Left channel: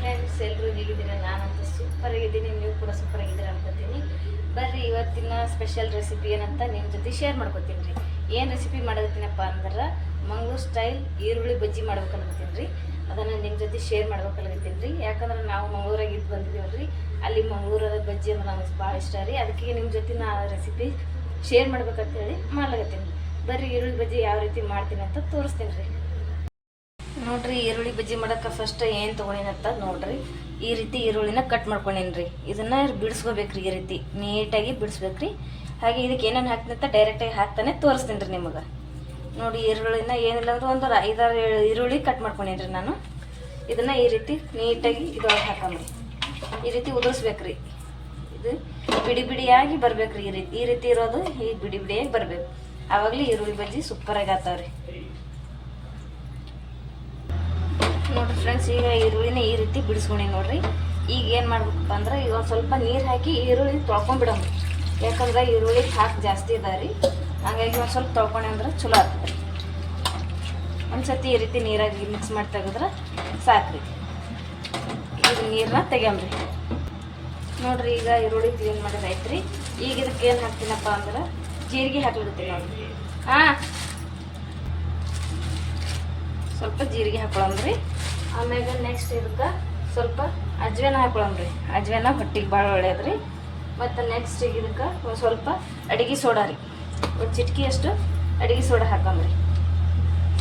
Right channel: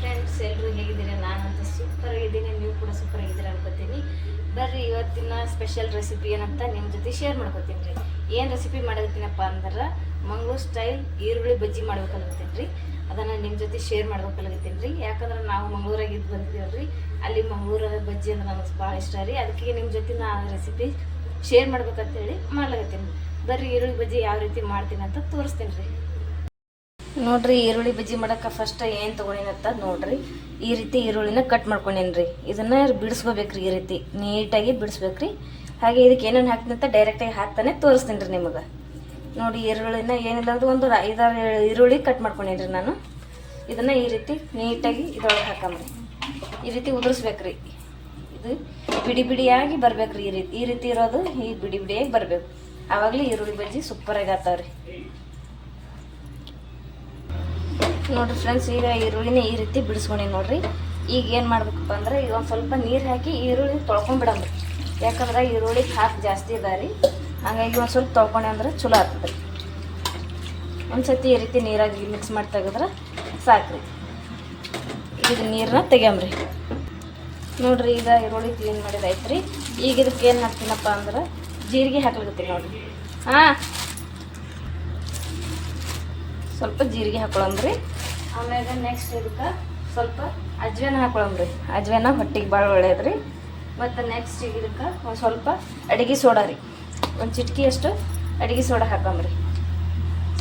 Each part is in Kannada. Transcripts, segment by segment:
ಫ್ರೆಂಡ್ಸ್, ಎಲ್ಲರೂ ಹೇಗಿದ್ದೀರಿ? ನಾನಂತೂ ಸೂಪರ್ ಆಗಿದ್ದೀನಿ, ನೀವು ಕೂಡ ಸೂಪರ್ ಆಗಿದ್ದೀರಿ ಅನ್ಕೋತೀನಿ. ಬರ್ರಿ ಇವತ್ತಿನ ಸ್ಪೆಷಲ್ ರೆಸಿಪಿ ಏನಂತ ನಿಮ್ಮ ಜೊತೆ ಶೇರ್ ಮಾಡ್ಕೊತೀನಿ ರೀ. ಏನು ರೆಸಿಪಿ ಮಾಡಕತ್ತೀನಪ್ಪ ಅಂದ್ರೆ ಮಂಗಳೂರು ಸ್ಟೈಲ್ ಈರುಳ್ಳಿ ಬಜ್ಜಿ ಮಾಡ್ಬೇಕಲ್ಗತ್ತೀನಿ ರೀ. ಅದನ್ನು ನಿಮ್ಮ ಜೊತೆ ಶೇರ್ ಮಾಡ್ಬೇಕಲ್ಗತ್ತೀನಿ ರೀ. ಯಾಕಂದ್ರೆ ನಾವು ಮಂಗಳೂರಾಗ ಇದ್ದು ಬಂದಿದ್ದೀವಿ ರೀ. ಅಲ್ಲಿ ಮಂಗಳೂರ ಬಜ್ಜಿ ಅಂದ್ರೆ ನಮಗೆ ಭಾಳ ಇಷ್ಟ ರೀ. ಅದಕ್ಕೆ ನಿಮ್ಮ ಜೊತೆ ನಾ ರೆಸಿಪಿ ಶೇರ್ ಮಾಡ್ಬೇಕಂತೇಳಿ ಮಾಡ್ಲಾಗತ್ತೀನಿ. ಬರ್ರಿ ಈರುಳ್ಳಿ ಬಜ್ಜಿ ಯಾವ ರೀತಿ ಮಾಡ್ತೀನಿ ಅಂತ ತೋರಿಸ್ತೀನಿ ರೀ. ನೋಡ್ರಿ, ಈರುಳ್ಳಿ ಬಜ್ಜಿ ಮಾಡೋಕೆ ಫಸ್ಟ್ ಏನು ತೊಗೊಂಡಿನಂತ ನೋಡ್ರಿ. ಈ ರೀತಿ ಈರುಳ್ಳಿನ ಕಟ್ ಮಾಡ್ಕೊಂಡೇನಿ ರೀ. ಇದನ್ನು ಬಿಡಿಸ್ಕೋಬೇಕ್ರಿ, ಈ ರೀತಿ ನೀಟಾಗಿ ಬಿಡಿಸ್ಬೇಕ್ರಿ. ಹಾಗೆ ಇದಕ್ಕೆ ಏನೇನು ಹಾಕ್ತೀನಿ ಅಂತ ಡೈರೆಕ್ಟಾಗಿ ಹಾಕ್ತಾನೆ ತೋರಿಸ್ತೀನಿ ರೀ ನಿಮಗೆ. ನೋಡಿ, ಈರುಳ್ಳಿನ ಏನಿಲ್ಲ ಅಂದ್ರೆ ಒಂದು 5-6 ಈರುಳ್ಳಿ ಕಟ್ ಮಾಡ್ಕೊಂಡೇನಿ ರೀ ನಾನು. ಇದನ್ನು ಈ ರೀತಿ ನೀಟಾಗಿ ಇದರೊಳಗೆ ಹಾಕಂಬ್ರಿ. ಈ ರೀತಿ ಉದುರಿಸ್ಬೇಕ್ರಿ. ಇದು ಬಿಡಿ ಬಿಡಿಯಾಗಿ ಬರ್ಬೇಕ್ರಿ. ಈ ರೀತಿ ಇರೋದು ಈ ಬಿಡಿ ಬಿಡಿಯಾಗಿ ಬರಬೇಕು. ಆವಾಗಲೇ ಈರುಳ್ಳಿ ಬಜ್ಜಿ ಸೂಪರಾಗಿ ಆಗ್ತಾವ್ರಿ. ನೋಡಿರಿ ಫ್ರೆಂಡ್ಸ್, ಈಗ ಈರುಳ್ಳಿನ ಈ ರೀತಿ ಬಿಡಿಸ್ಕೊಂಡಿ ನೋಡ್ರಿ. ಈಗ ಏನು ಮಾಡ್ಬೇಕಪ್ಪ ಅಂದ್ರೆ ಈಗ ಒಂದು ಸ್ವಲ್ಪ ನೀರು ಹಾಕಿ ಈರುಳ್ಳಿ ತೊಳ್ಕೊಂಡ್ಬಿಡಮ್ರಿ. ಯಾಕಂದ್ರೆ ಈರುಳ್ಳಿ ಹಾಕಿ ಜಾಸ್ತಿ ಇದಾವೆ ರೀ. ಹಂಗಾಗಿ ಒಂದು ಸ್ವಲ್ಪ ತೊಳ್ಕೊಂಡೆ ಅಂದ್ರೆ ಚಲೋ ಆಗ್ತದೆ ರೀ. ಒಂದು ಸತಿ ಈ ರೀತಿ ನೀರಾಗಿ ಮಿಕ್ಸ್ ಮಾಡಿ ತೆಗೆದ್ರೆ ಸಾಕ್ರಿ. ಈಗ ನೀರನ್ನ ತೆಗ್ಯಮ್ರಿ. ನೋಡ್ರಿ, ಈಗ ಈರುಳ್ಳಿ ಕ್ಲೀನ್ ಮಾಡಿದಾಯ್ತು ರೀ. ಈಗ ಇದಕ್ಕೆ ಏನು ಹಾಕ್ತೀನಪ್ಪ ಅಂದ್ರೆ ಜೀರಿಗೆ ಹಾಕ್ಲಿಕತ್ತೀನಿ ನೋಡ್ರಿ. ಸ್ವಲ್ಪ ಜೀರಿಗೆ ಹಾಕೊಳಮ್ರಿ. ಆಮ್ಯಾಗ ನೆಕ್ಸ್ಟ್ ಇದಕ್ಕೆ ಸ್ವಲ್ಪ ಅಜ್ವೇನ ಹಾಕೊಳಮ್ರಿ. ಅಜ್ವೇನ ಹೊಟ್ಟಿಗೆ ಭಾಳ ಒಳ್ಳೇದ್ರಿ. ಮತ್ತು ನೆಕ್ಸ್ಟ್ ಈಗ ಇದಕ್ಕೆ ಒಂದು ಸ್ವಲ್ಪ ಅಡುಗೆ ಸೋಡಾ ರೀ. ಒಂದು ಚಿಟಕಿಯಷ್ಟು ಅಡುಗೆ ಸೋಡಾ ಹಾಕಮ್ರಿ.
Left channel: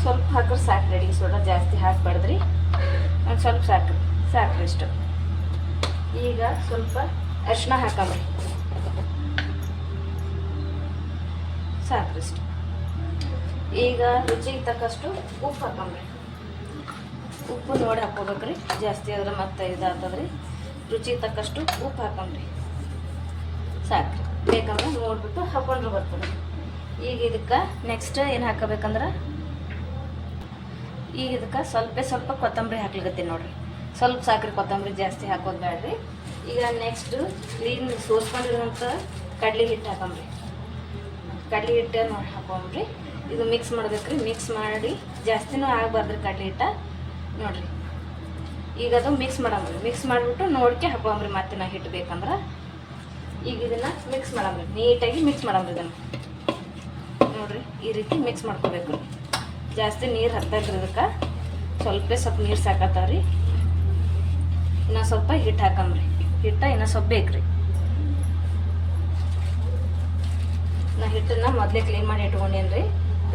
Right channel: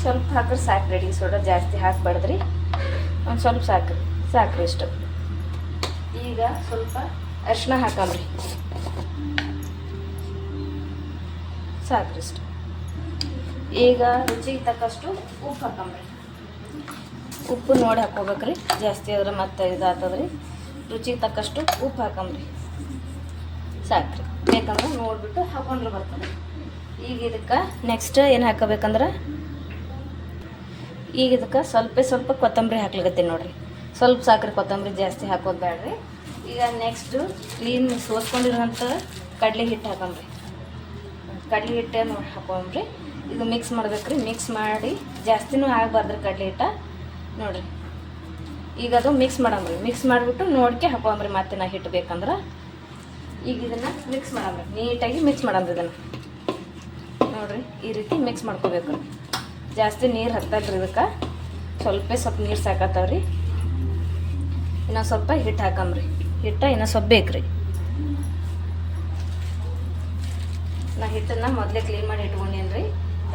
ಸ್ವಲ್ಪ ಹಾಕಿದ್ರೆ ಸಾಕ್ರಿ. ಅಡುಗೆ ಸೋಡಾ ಜಾಸ್ತಿ ಹಾಕಬಾರ್ದ್ರಿ. ಒಂದು ಸ್ವಲ್ಪ ಸಾಕ್ರಿ ಇಷ್ಟು. ಈಗ ಸ್ವಲ್ಪ ಅರಿಶಿನ ಹಾಕಮ್ರಿ. ಸಾಕ್ರಿ ಇಷ್ಟು. ಈಗ ರುಚಿಗೆ ತಕ್ಕಷ್ಟು ಉಪ್ಪು ಹಾಕಮ್ರಿ. ಉಪ್ಪು ನೋಡಿ ಹಾಕೋಬೇಕ್ರಿ. ಜಾಸ್ತಿ ಆದ್ರೆ ಮತ್ತೆ ಇದಾಗ್ತದ್ರಿ. ರುಚಿಗೆ ತಕ್ಕಷ್ಟು ಉಪ್ಪು ಹಾಕಮ್ರಿ. ಸಾಕ್ರಿ. ಬೇಕಂದ್ರೆ ನೋಡಿಬಿಟ್ಟು ಹಾಕೊಂಡ್ರೆ ಬರ್ತದೆ. ಈಗ ಇದಕ್ಕೆ ನೆಕ್ಸ್ಟ್ ಏನು ಹಾಕೋಬೇಕಂದ್ರೆ ಈಗ ಇದಕ್ಕೆ ಸ್ವಲ್ಪ ಕೊತ್ತಂಬರಿ ಹಾಕ್ಲಿಕತ್ತೀನಿ ನೋಡಿರಿ. ಸ್ವಲ್ಪ ಸಾಕ್ರಿ. ಕೊತ್ತಂಬರಿ ಜಾಸ್ತಿ ಹಾಕೋದು ಬೇಡ್ರಿ. ಈಗ ನೆಕ್ಸ್ಟು ಕ್ಲೀನ್ ಸೋಸ್ಕೊಂಡಿರೋಂಥ ಕಡಲೆ ಹಿಟ್ಟು ಹಾಕಮ್ರಿ. ಕಡಲೆ ಹಿಟ್ಟನ್ನು ಹಾಕೊಂಬ್ರಿ. ಇದು ಮಿಕ್ಸ್ ಮಾಡ್ಬೇಕ್ರಿ. ಮಿಕ್ಸ್ ಮಾಡಿ ಜಾಸ್ತಿನೂ ಆಗಬಾರ್ದ್ರಿ ಕಡಲೆ ಹಿಟ್ಟ ನೋಡಿರಿ. ಈಗ ಅದು ಮಿಕ್ಸ್ ಮಾಡಮ್ರಿ. ಮಿಕ್ಸ್ ಮಾಡಿಬಿಟ್ಟು ನೋಡ್ಕೆ ಹಾಕೊಂಬ್ರಿ. ಮತ್ತೆ ನಾ ಹಿಟ್ಟು ಬೇಕಂದ್ರೆ ಈಗ ಇದನ್ನು ಮಿಕ್ಸ್ ಮಾಡಮ್ರಿ. ನೀಟಾಗಿ ಮಿಕ್ಸ್ ಮಾಡಮ್ರಿ. ಇದನ್ನು ನೋಡಿರಿ, ಈ ರೀತಿ ಮಿಕ್ಸ್ ಮಾಡ್ಕೋಬೇಕು. ಜಾಸ್ತಿ ನೀರು ಹಾಕ್ತಾರ್ರಿ ಇದಕ್ಕೆ. ಸ್ವಲ್ಪ ನೀರು ಸಾಕತ್ತಾವ್ರಿ. ಇನ್ನೂ ಸ್ವಲ್ಪ ಹಿಟ್ಟು ಹಾಕಮ್ರಿ. ಹಿಟ್ಟು ಇನ್ನೂ ಸ್ವಲ್ಪ ಬೇಕ್ರಿ. ನಾ ಹಿಟ್ಟನ್ನು ಮೊದಲೇ ಕ್ಲೀನ್ ಮಾಡಿ ಇಟ್ಕೊಂಡೇನಿ ರೀ.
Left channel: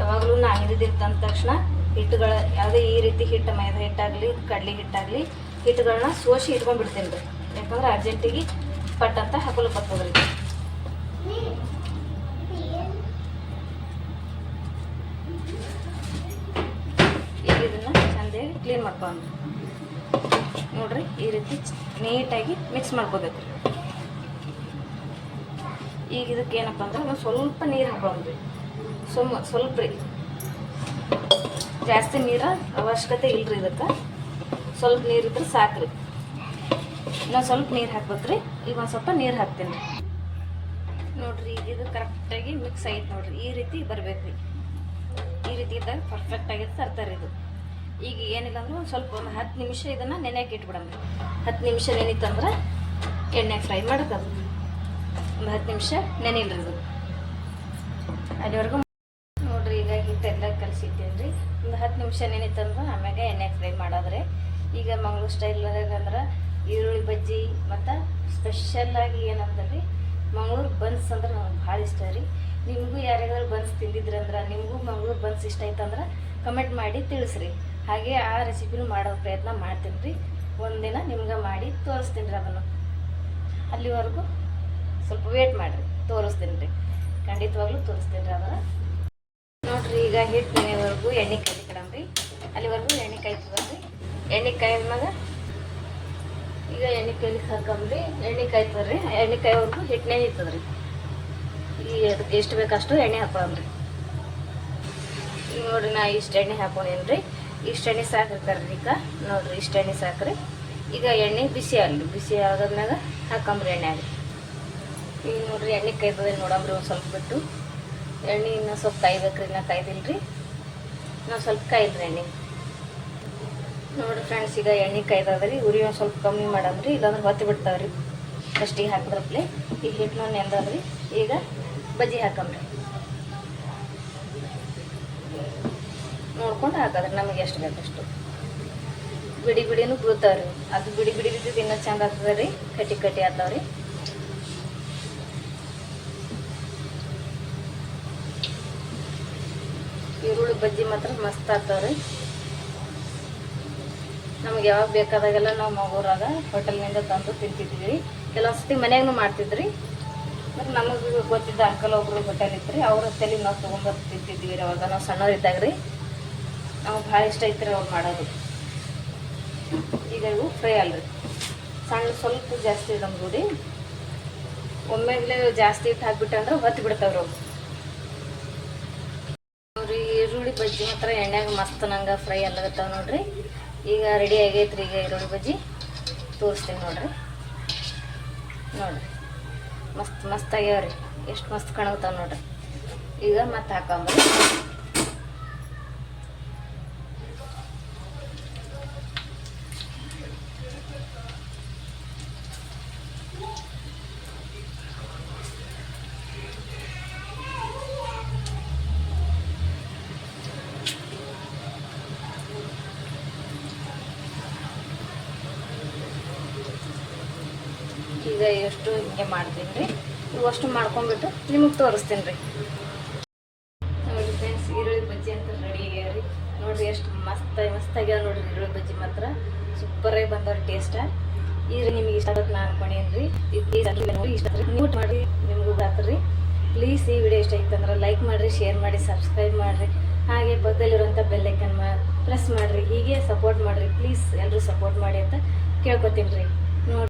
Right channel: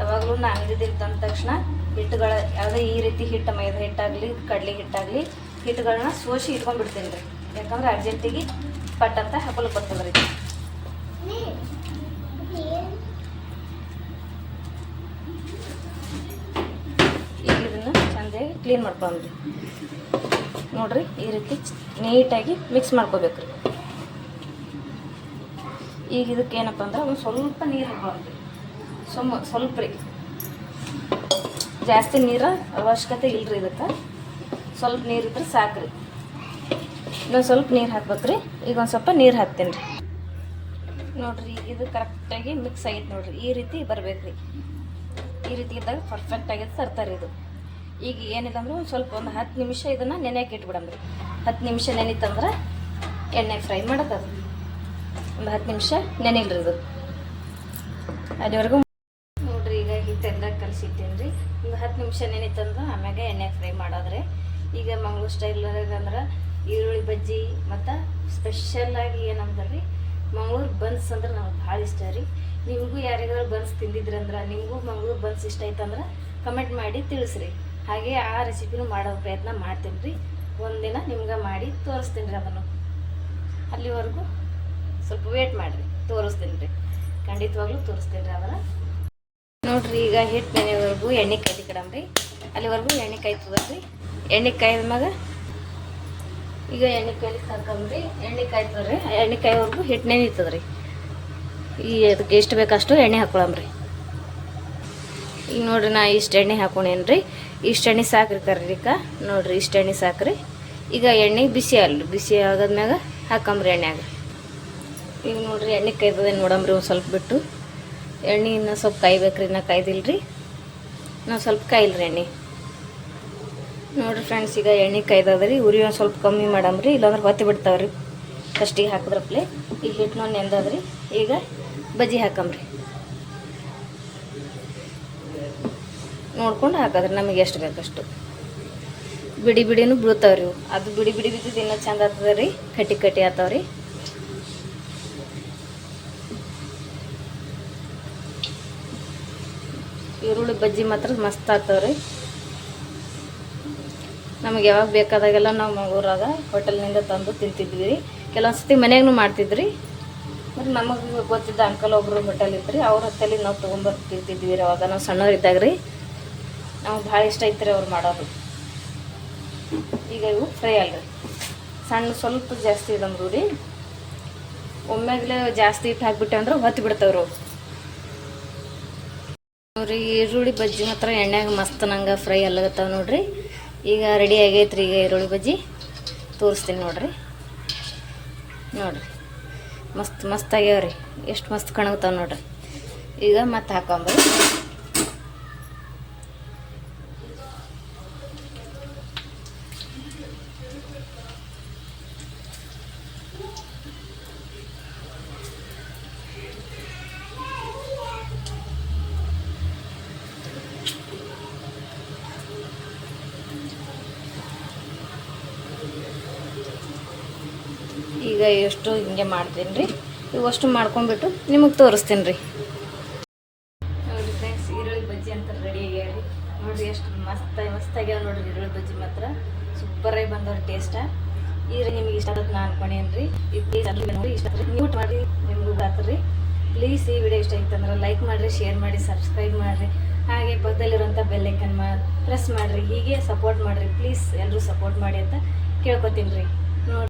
ಯಾವಾಗಲೂ ನಾ ಅಂಗಡಿದಿತ್ತು ಅಂದ ತಕ್ಷಣ ಹಿಟ್ಟುಗಳು ಯಾವುದೇ ಈ ರೀತಿ ಹಿಟ್ಟು, ಮೈದಾ ಹಿಟ್ಟಾಗಲಿ ಕಡಲೆ ಹಿಟ್ಟಾಗಲಿ ಹಿಟ್ಟುಗಳನ್ನ ಸೋಸಿ ಇಟ್ಕೊಂಡ್ಬಿಡ್ತೀನಿ ರೀ. ಯಾಕಂದ್ರೆ ಅರ್ಜೆಂಟಿಗೆ ಪಟ್ ಅಂತ ಹಾಕೊಳಕ್ಕೆ ಬರ್ತದೆ ರೀ. ಈಗ ಇದನ್ನು ಚೆಂದಾಗಿ ಕ್ಲೀನ್ ಮಾಡ್ಕೊಂಡ್ರಿ. ನೋಡಿರಿ, ಈ ರೀತಿ ನೀಟಾಗಿ ಮಿಕ್ಸ್ ಮಾಡ್ಕೋಬೇಕು ರೀ. ಈಗ ಇದಕ್ಕೆ ಏನಪ್ಪ ಅಂದ್ರೆ ಒಂದು ಸ್ವಲ್ಪ ನೀರು ಹಾಕೊಂಡ್ರಿ. ಸ್ವಲ್ಪ ರೀ. ಜಾಸ್ತಿ ನೀರು ಅವಶ್ಯಕತೆ ಇಲ್ಲರಿ. ಇದಕ್ಕೆ ಸ್ವಲ್ಪ ನೀರು ಇದ್ರೆ ಸಾಕ್ರಿ. ಇನ್ನೊಂದು ಸ್ವಲ್ಪ ನೀರು ಹಾಕ್ಬೇಕ್ರಿ. ಈಗ ಒಂದು ಸ್ವಲ್ಪ ನೀರು ಹಾಕ್ತೀನಿ ರೀ. ನೋಡಿರಿ, ಇದು ಕರೆಕ್ಟಾಗಿ ಮಿಕ್ಸ್ ಆಗೈತೆ ನೋಡಿರಿ. ಈ ರೀತಿ ಬರಬೇಕು ರೀ. ಈ ರೀತಿ ಇದ್ದಾಗ ಪರ್ಫೆಕ್ಟಾಗಿ ತರ್ತಾರೆ ಇದು. ಈಗ ಏನಿಲ್ಲ ಅಂದ್ರೆ ಒಂದು ಸ್ವಲ್ಪ ಒಂದು 10 ನಿಮಿಷ ಇದನ್ನು ನೆನೆಯಕ್ಕೆ ಇಟ್ಬಿಡಮ್ರಿ. 10 ನಿಮಿಷ ನೆನೀತಂದ್ರೆ ಎಣ್ಣೆ ಫ್ರೈ ಮಾಡೋಕ್ಕದು. ಒಂದು 10 ನಿಮಿಷ ನೆನಿಲ್ರಿ ಇದು. ಅಲ್ಲಿವರೆಗೂ ನೋಡಿರಿ, ಈಗ ಹಿಟ್ಟೆಲ್ಲ ಕಲಸಿಟ್ಟಿನಿ ರೀ. ಒಂದು 10 ನಿಮಿಷ ನೆನೀತಂದ್ರೆ ಆಮ್ಯಾಗ ಎಣ್ಣೆ ಫ್ರೈ ಮಾಡೋದ್ರೆ. ಈಗ ಮಂಗಳೂರು ಸ್ಟೈಲಾಗ ಅಂದ್ರೆ ಈರುಳ್ಳಿ ಬಜ್ಜಿ ಮತ್ತು ಸ್ಪೆಷಲ್ಲಾಗಿ ಏನಂದ್ರೆ ರೀ ಮಂಗಳೂರು ಬನ್ಸ್ ಅಂದ್ರೆ ನಮ್ಗೆ ಭಾಳ ಇಷ್ಟ ರೀ. ನಿಮಗೂ ಯಾರಿಗಾದ್ರೂ ಬನ್ಸ್ ತಿಂದಿದ್ರಂದ್ರೆ, ನಿಮಗೂ ಮಂಗಳೂರು ಬನ್ಸ್ ಇಷ್ಟ ಆಯ್ತಂದ್ರೆ ಕಮೆಂಟ್ ಮಾಡಿ ತಿಳಿಸ್ರಿ. ಹಾಗೆ ಆ ರೆಸಿಪಿನೂ ಮಾಡೋ ಪ್ರಯತ್ನ ಮಾಡ್ತೀನಿ ರೀ. ಒಂದಿನ ನಿಮ್ಗೆ ಮಾಡಿ ತೋರಿಸ್ತೀನಿ ರೀ. ಅದನ್ನು ಅಲ್ಲಿವರೆಗೂ ಸ್ವಲ್ಪ ವೇಟ್ ಮಾಡಿರಿ. ತೋರಿಸ್ತೀನಿ ರೀ. ಖಂಡಿತವಾಗ್ಲೂ ತೋರಿಸ್ತೀನಿ ರೀ ಅದನ್ನು. ನೋಡಿರಿ, ಈಗ ಹಿಟ್ಟು ನೆನೆವರೆಗೂ ಎಣ್ಣೆ ಕಾಯ್ತಿಕಡಮ್ರಿ. ಅಲ್ಲಿವರೆಗೂ ಎಣ್ಣೆ ಕಾಯ್ತದ್ರಿ. ಎಣ್ಣೆ ಕಾಯ್ದಾಗ ಈಗ ಎಣ್ಣೆ ಕಾಯ್ಲಿಕ್ಕೆ ಹಾಕಮ್ರಿ. ಎಣ್ಣೆ ಕಾಯ್ತದ್ರಿ. ಎಣ್ಣೆ ಕಾಯೋವರೆಗೂ ಹಿಟ್ಟು ನೆನೀತದ್ರಿ. ಈ ಅದಕ್ಕೆ ಎಷ್ಟು ಬೇಕಷ್ಟು ಎಣ್ಣೆ ಹಾಕೊಳಮ್ರಿ. ಈಗ ನೋಡಿರಿ, ನಾ ಇಷ್ಟು ಎಣ್ಣೆ ಹಾಕೊಂಡೇನಿ ರೀ. ಇಷ್ಟು ಎಣ್ಣೆ ಸಾಕ್ರಿ ಕರ್ರಿಕ. ನೋಡಿರಿ, ಇಷ್ಟು ಎಣ್ಣೆ ಸಾಕ್ರಿ. ಈಗ ಎಣ್ಣೆ ಬಿಸಿ ಆಗಲಿ. ಬಿಸಿ ಆಗೋದ್ಮ್ಯಾಗ ಹಾಕಂಬ್ರಿ ಎಣ್ಣೆ ಆಗ್ರಿ. ಈಗ ನೋಡಿರಿ, ಎಣ್ಣೆ ಕಾಯ್ತದೆ ನೋಡಂಬ್ರಿ. ಒಂದು ಸ್ವಲ್ಪ ಬಿಟ್ಟು ಎಣ್ಣೆ ಇನ್ನೂ ಸ್ವಲ್ಪ ಕಾಯ್ಬೇಕ್ರಿ. ಇನ್ನೂ ಕಾಯ್ದಿಲ್ರಿ. ನಾವು ಸ್ವಲ್ಪ ಕಾಯಿಲ್ರಿ ಎಣ್ಣೆ. ನೋಡಿರಿ ಫ್ರೆಂಡ್ಸ್, ಈಗ ಎಣ್ಣೆ ಕಾಯ್ದದ್ರಿ. ಉರಿ ಒಂದು ಸ್ವಲ್ಪ ಕಮ್ಮಿ ಮಾಡಮ್ರಿ, ಇಲ್ಲಾಂದ್ರೆ ಹೊತ್ತಿ ಬಿಡ್ತಾವ್ರಿ ಫಸ್ಟಿಗೆ ಹಾಕಿದ್ರಪ್ಲೆ. ಈಗ ಹಿಟ್ಟು ನೆಂದದ್ರಿ. ಈಗ ಬಜ್ಜಿ ಹಾಕಮ್ರಿ. ನೋಡ್ಕೊಂಡು ಹಾಕಿದ್ರಿ ನಮಗೆ ಎಷ್ಟು ಬೇಕಷ್ಟು. ಬಿಡಿ ಬಿಡಿನೂ ಬೀಳ್ತಾವ್ರಿ. ಅದು ಬಿಡಿ ಬಿಡಿ ಬಿದ್ದಿದ್ದು ಇನ್ನೂ ಚಂದ ಆಗ್ತದೆ ರೀ. ಕಟ್ಟಿ ಕಟ್ಟಿ ಆಗ್ತಾವ್ರಿ. ಈರುಳ್ಳಿ ಬಜ್ಜಿ ಮಾತ್ರ ಮಸ್ತ್ ಆಗ್ತಾವ್ರಿ. ನಮಗೆ ಯಾವಾಗ ಬೇಕಾದಾಗೆಲ್ಲ ನಾವು ಊರಾಗ ಹೋಟೆಲ್ನಿಂದ ತಂದು ತಿಂತಿದ್ವಿ ರೀ. ಕೆಲವೊಂದು ಸತಿ ಮನೆಗೂ ಮಾಡ್ತಿದ್ರಿ. ಮತ್ತು ನಮಗೆ ಗೊತ್ತಿದ್ದ ಅಂಕಲ್ ಒಬ್ಬರು ಹೋಟೆಲ್ ಇದ್ರಿ, ಅವ್ರ ಹೊತ್ತಲ್ಲಿ ನಾವು ತೊಗೊಂಬರ್ದು ತಿಂತಿದ್ವಿ ರೀ. ಅವಾಗ ನಾವು ಸಣ್ಣವ್ರಿದ್ದಾಗ ರೀ. ನಮಗೆ ಭಾಳ ಇಷ್ಟ ಐತ್ರಿ ಅವ್ರು ಮಾಡೋದು. ಈಗ ಇವು ಫ್ರೈ ಅಲ್ರಿ. ಸಣ್ಣ ಸ್ವಲ್ಪ ಜಾಸ್ತಿ ಇದಂದ್ರು ರೀ. ಒಮ್ಮೆಗಲೇ ಜಾಸ್ತಿ ಹಿಟ್ಟು ಹಾಕ್ಬಿಟ್ಟೆ ಅಂದ್ರೆ ಹೊತ್ತು ಬಿಡ್ತಾವ್ರಿ ಅವು. ನೋಡ್ರಿ, ಈರುಳ್ಳಿ ಬಜ್ಜಿ ಮಾತ್ರ ಎಣ್ಣೆಗೆ ಮಸ್ತ್ ನಂಗೆ ಫ್ರೈ ಅಲ್ಲಾಗತ್ತಾವ ನೋಡ್ರಿ. ಈಗ ರೆಡಿ ಆಗೈತ್ರಿ. ಈಗ ಈರುಳ್ಳಿ ಬಜ್ಜಿ ತೋರಿಸ್ತೀನಿ ನೋಡ್ರಿ. ಮಸ್ತ್ ಮಸ್ತ್ ಆಗ್ಯಾವ್ರಿ. ಎಷ್ಟು ಮಸ್ತ್ ಕಾಣುತ್ತಾವ ನೋಡ್ರಿ. ಈಗ ಮತ್ತೆ ಹಾಕಂಬ್ರಿ. ಈಗ ಎಷ್ಟು ಹಿಂಗೆ ಮಾಡ್ತೀನಿ ರೀ. ಇವಷ್ಟು ಮಾಡ್ಕೊಂಡ್ಬಿಟ್ಟು ನಿಮಗೆ ತೋರಿಸ್ತೀನಿ ರೀ. ನೋಡಿರಿ ಫ್ರೆಂಡ್ಸ್, ಈರುಳ್ಳಿ ಬಜ್ಜಿ ಅಂತ ರೆಡಿ ಆಗ್ಯಾವ ರೀ. ನೋಡಿರಿ ಎಷ್ಟು ಮಸ್ತ್ ಆಗ್ಯಾವ ನೋಡಿರಿ. ಈರುಳ್ಳಿ ಬಜ್ಜಿ ಮಾತ್ರ ಸೂಪರಾಗಿ ಬಂದವ್ರಿ ಟೇಸ್ಟ. ಈಗ ನಿಮಗೆ ಇಷ್ಟ ಆಗುತ್ತೆ ನಾನು ಅನ್ಕೊಂಡೇನು ರೀ. ಇಷ್ಟ ನೀವು ಮಾಡಿರಿ, ನಿಮಗೂ ಬರ್ತೀರಿ. ಪ್ಲೀಸ್ ಈ ವಿಡಿಯೋ ಇಷ್ಟ ಆಗಿತ್ತು ಅಂದ್ರೆ ಲೈಕ್ ಮಾಡಿರಿ, ಶೇರ್ ಮಾಡಿ, ಸಬ್ಸ್ಕ್ರೈಬ್ ಮಾಡಿರಿ. ಹಾಗೆ ಪಕ್ಕದಲ್ಲಿರುವಂಥ ಬೆಲ್ಲೈಕನ್ ಪ್ರೆಸ್ ಮಾಡಿರಿ. ಹೀಗೆ ಸಪೋರ್ಟ್ ಮಾಡಿರಿ. ಪ್ಲೀಸ್ ಎಲ್ಲರೂ ಸಪೋರ್ಟ್ ಮಾಡಿ ಅಂತ ಕೇಳ್ಕೊತೀನಿ ರೀ.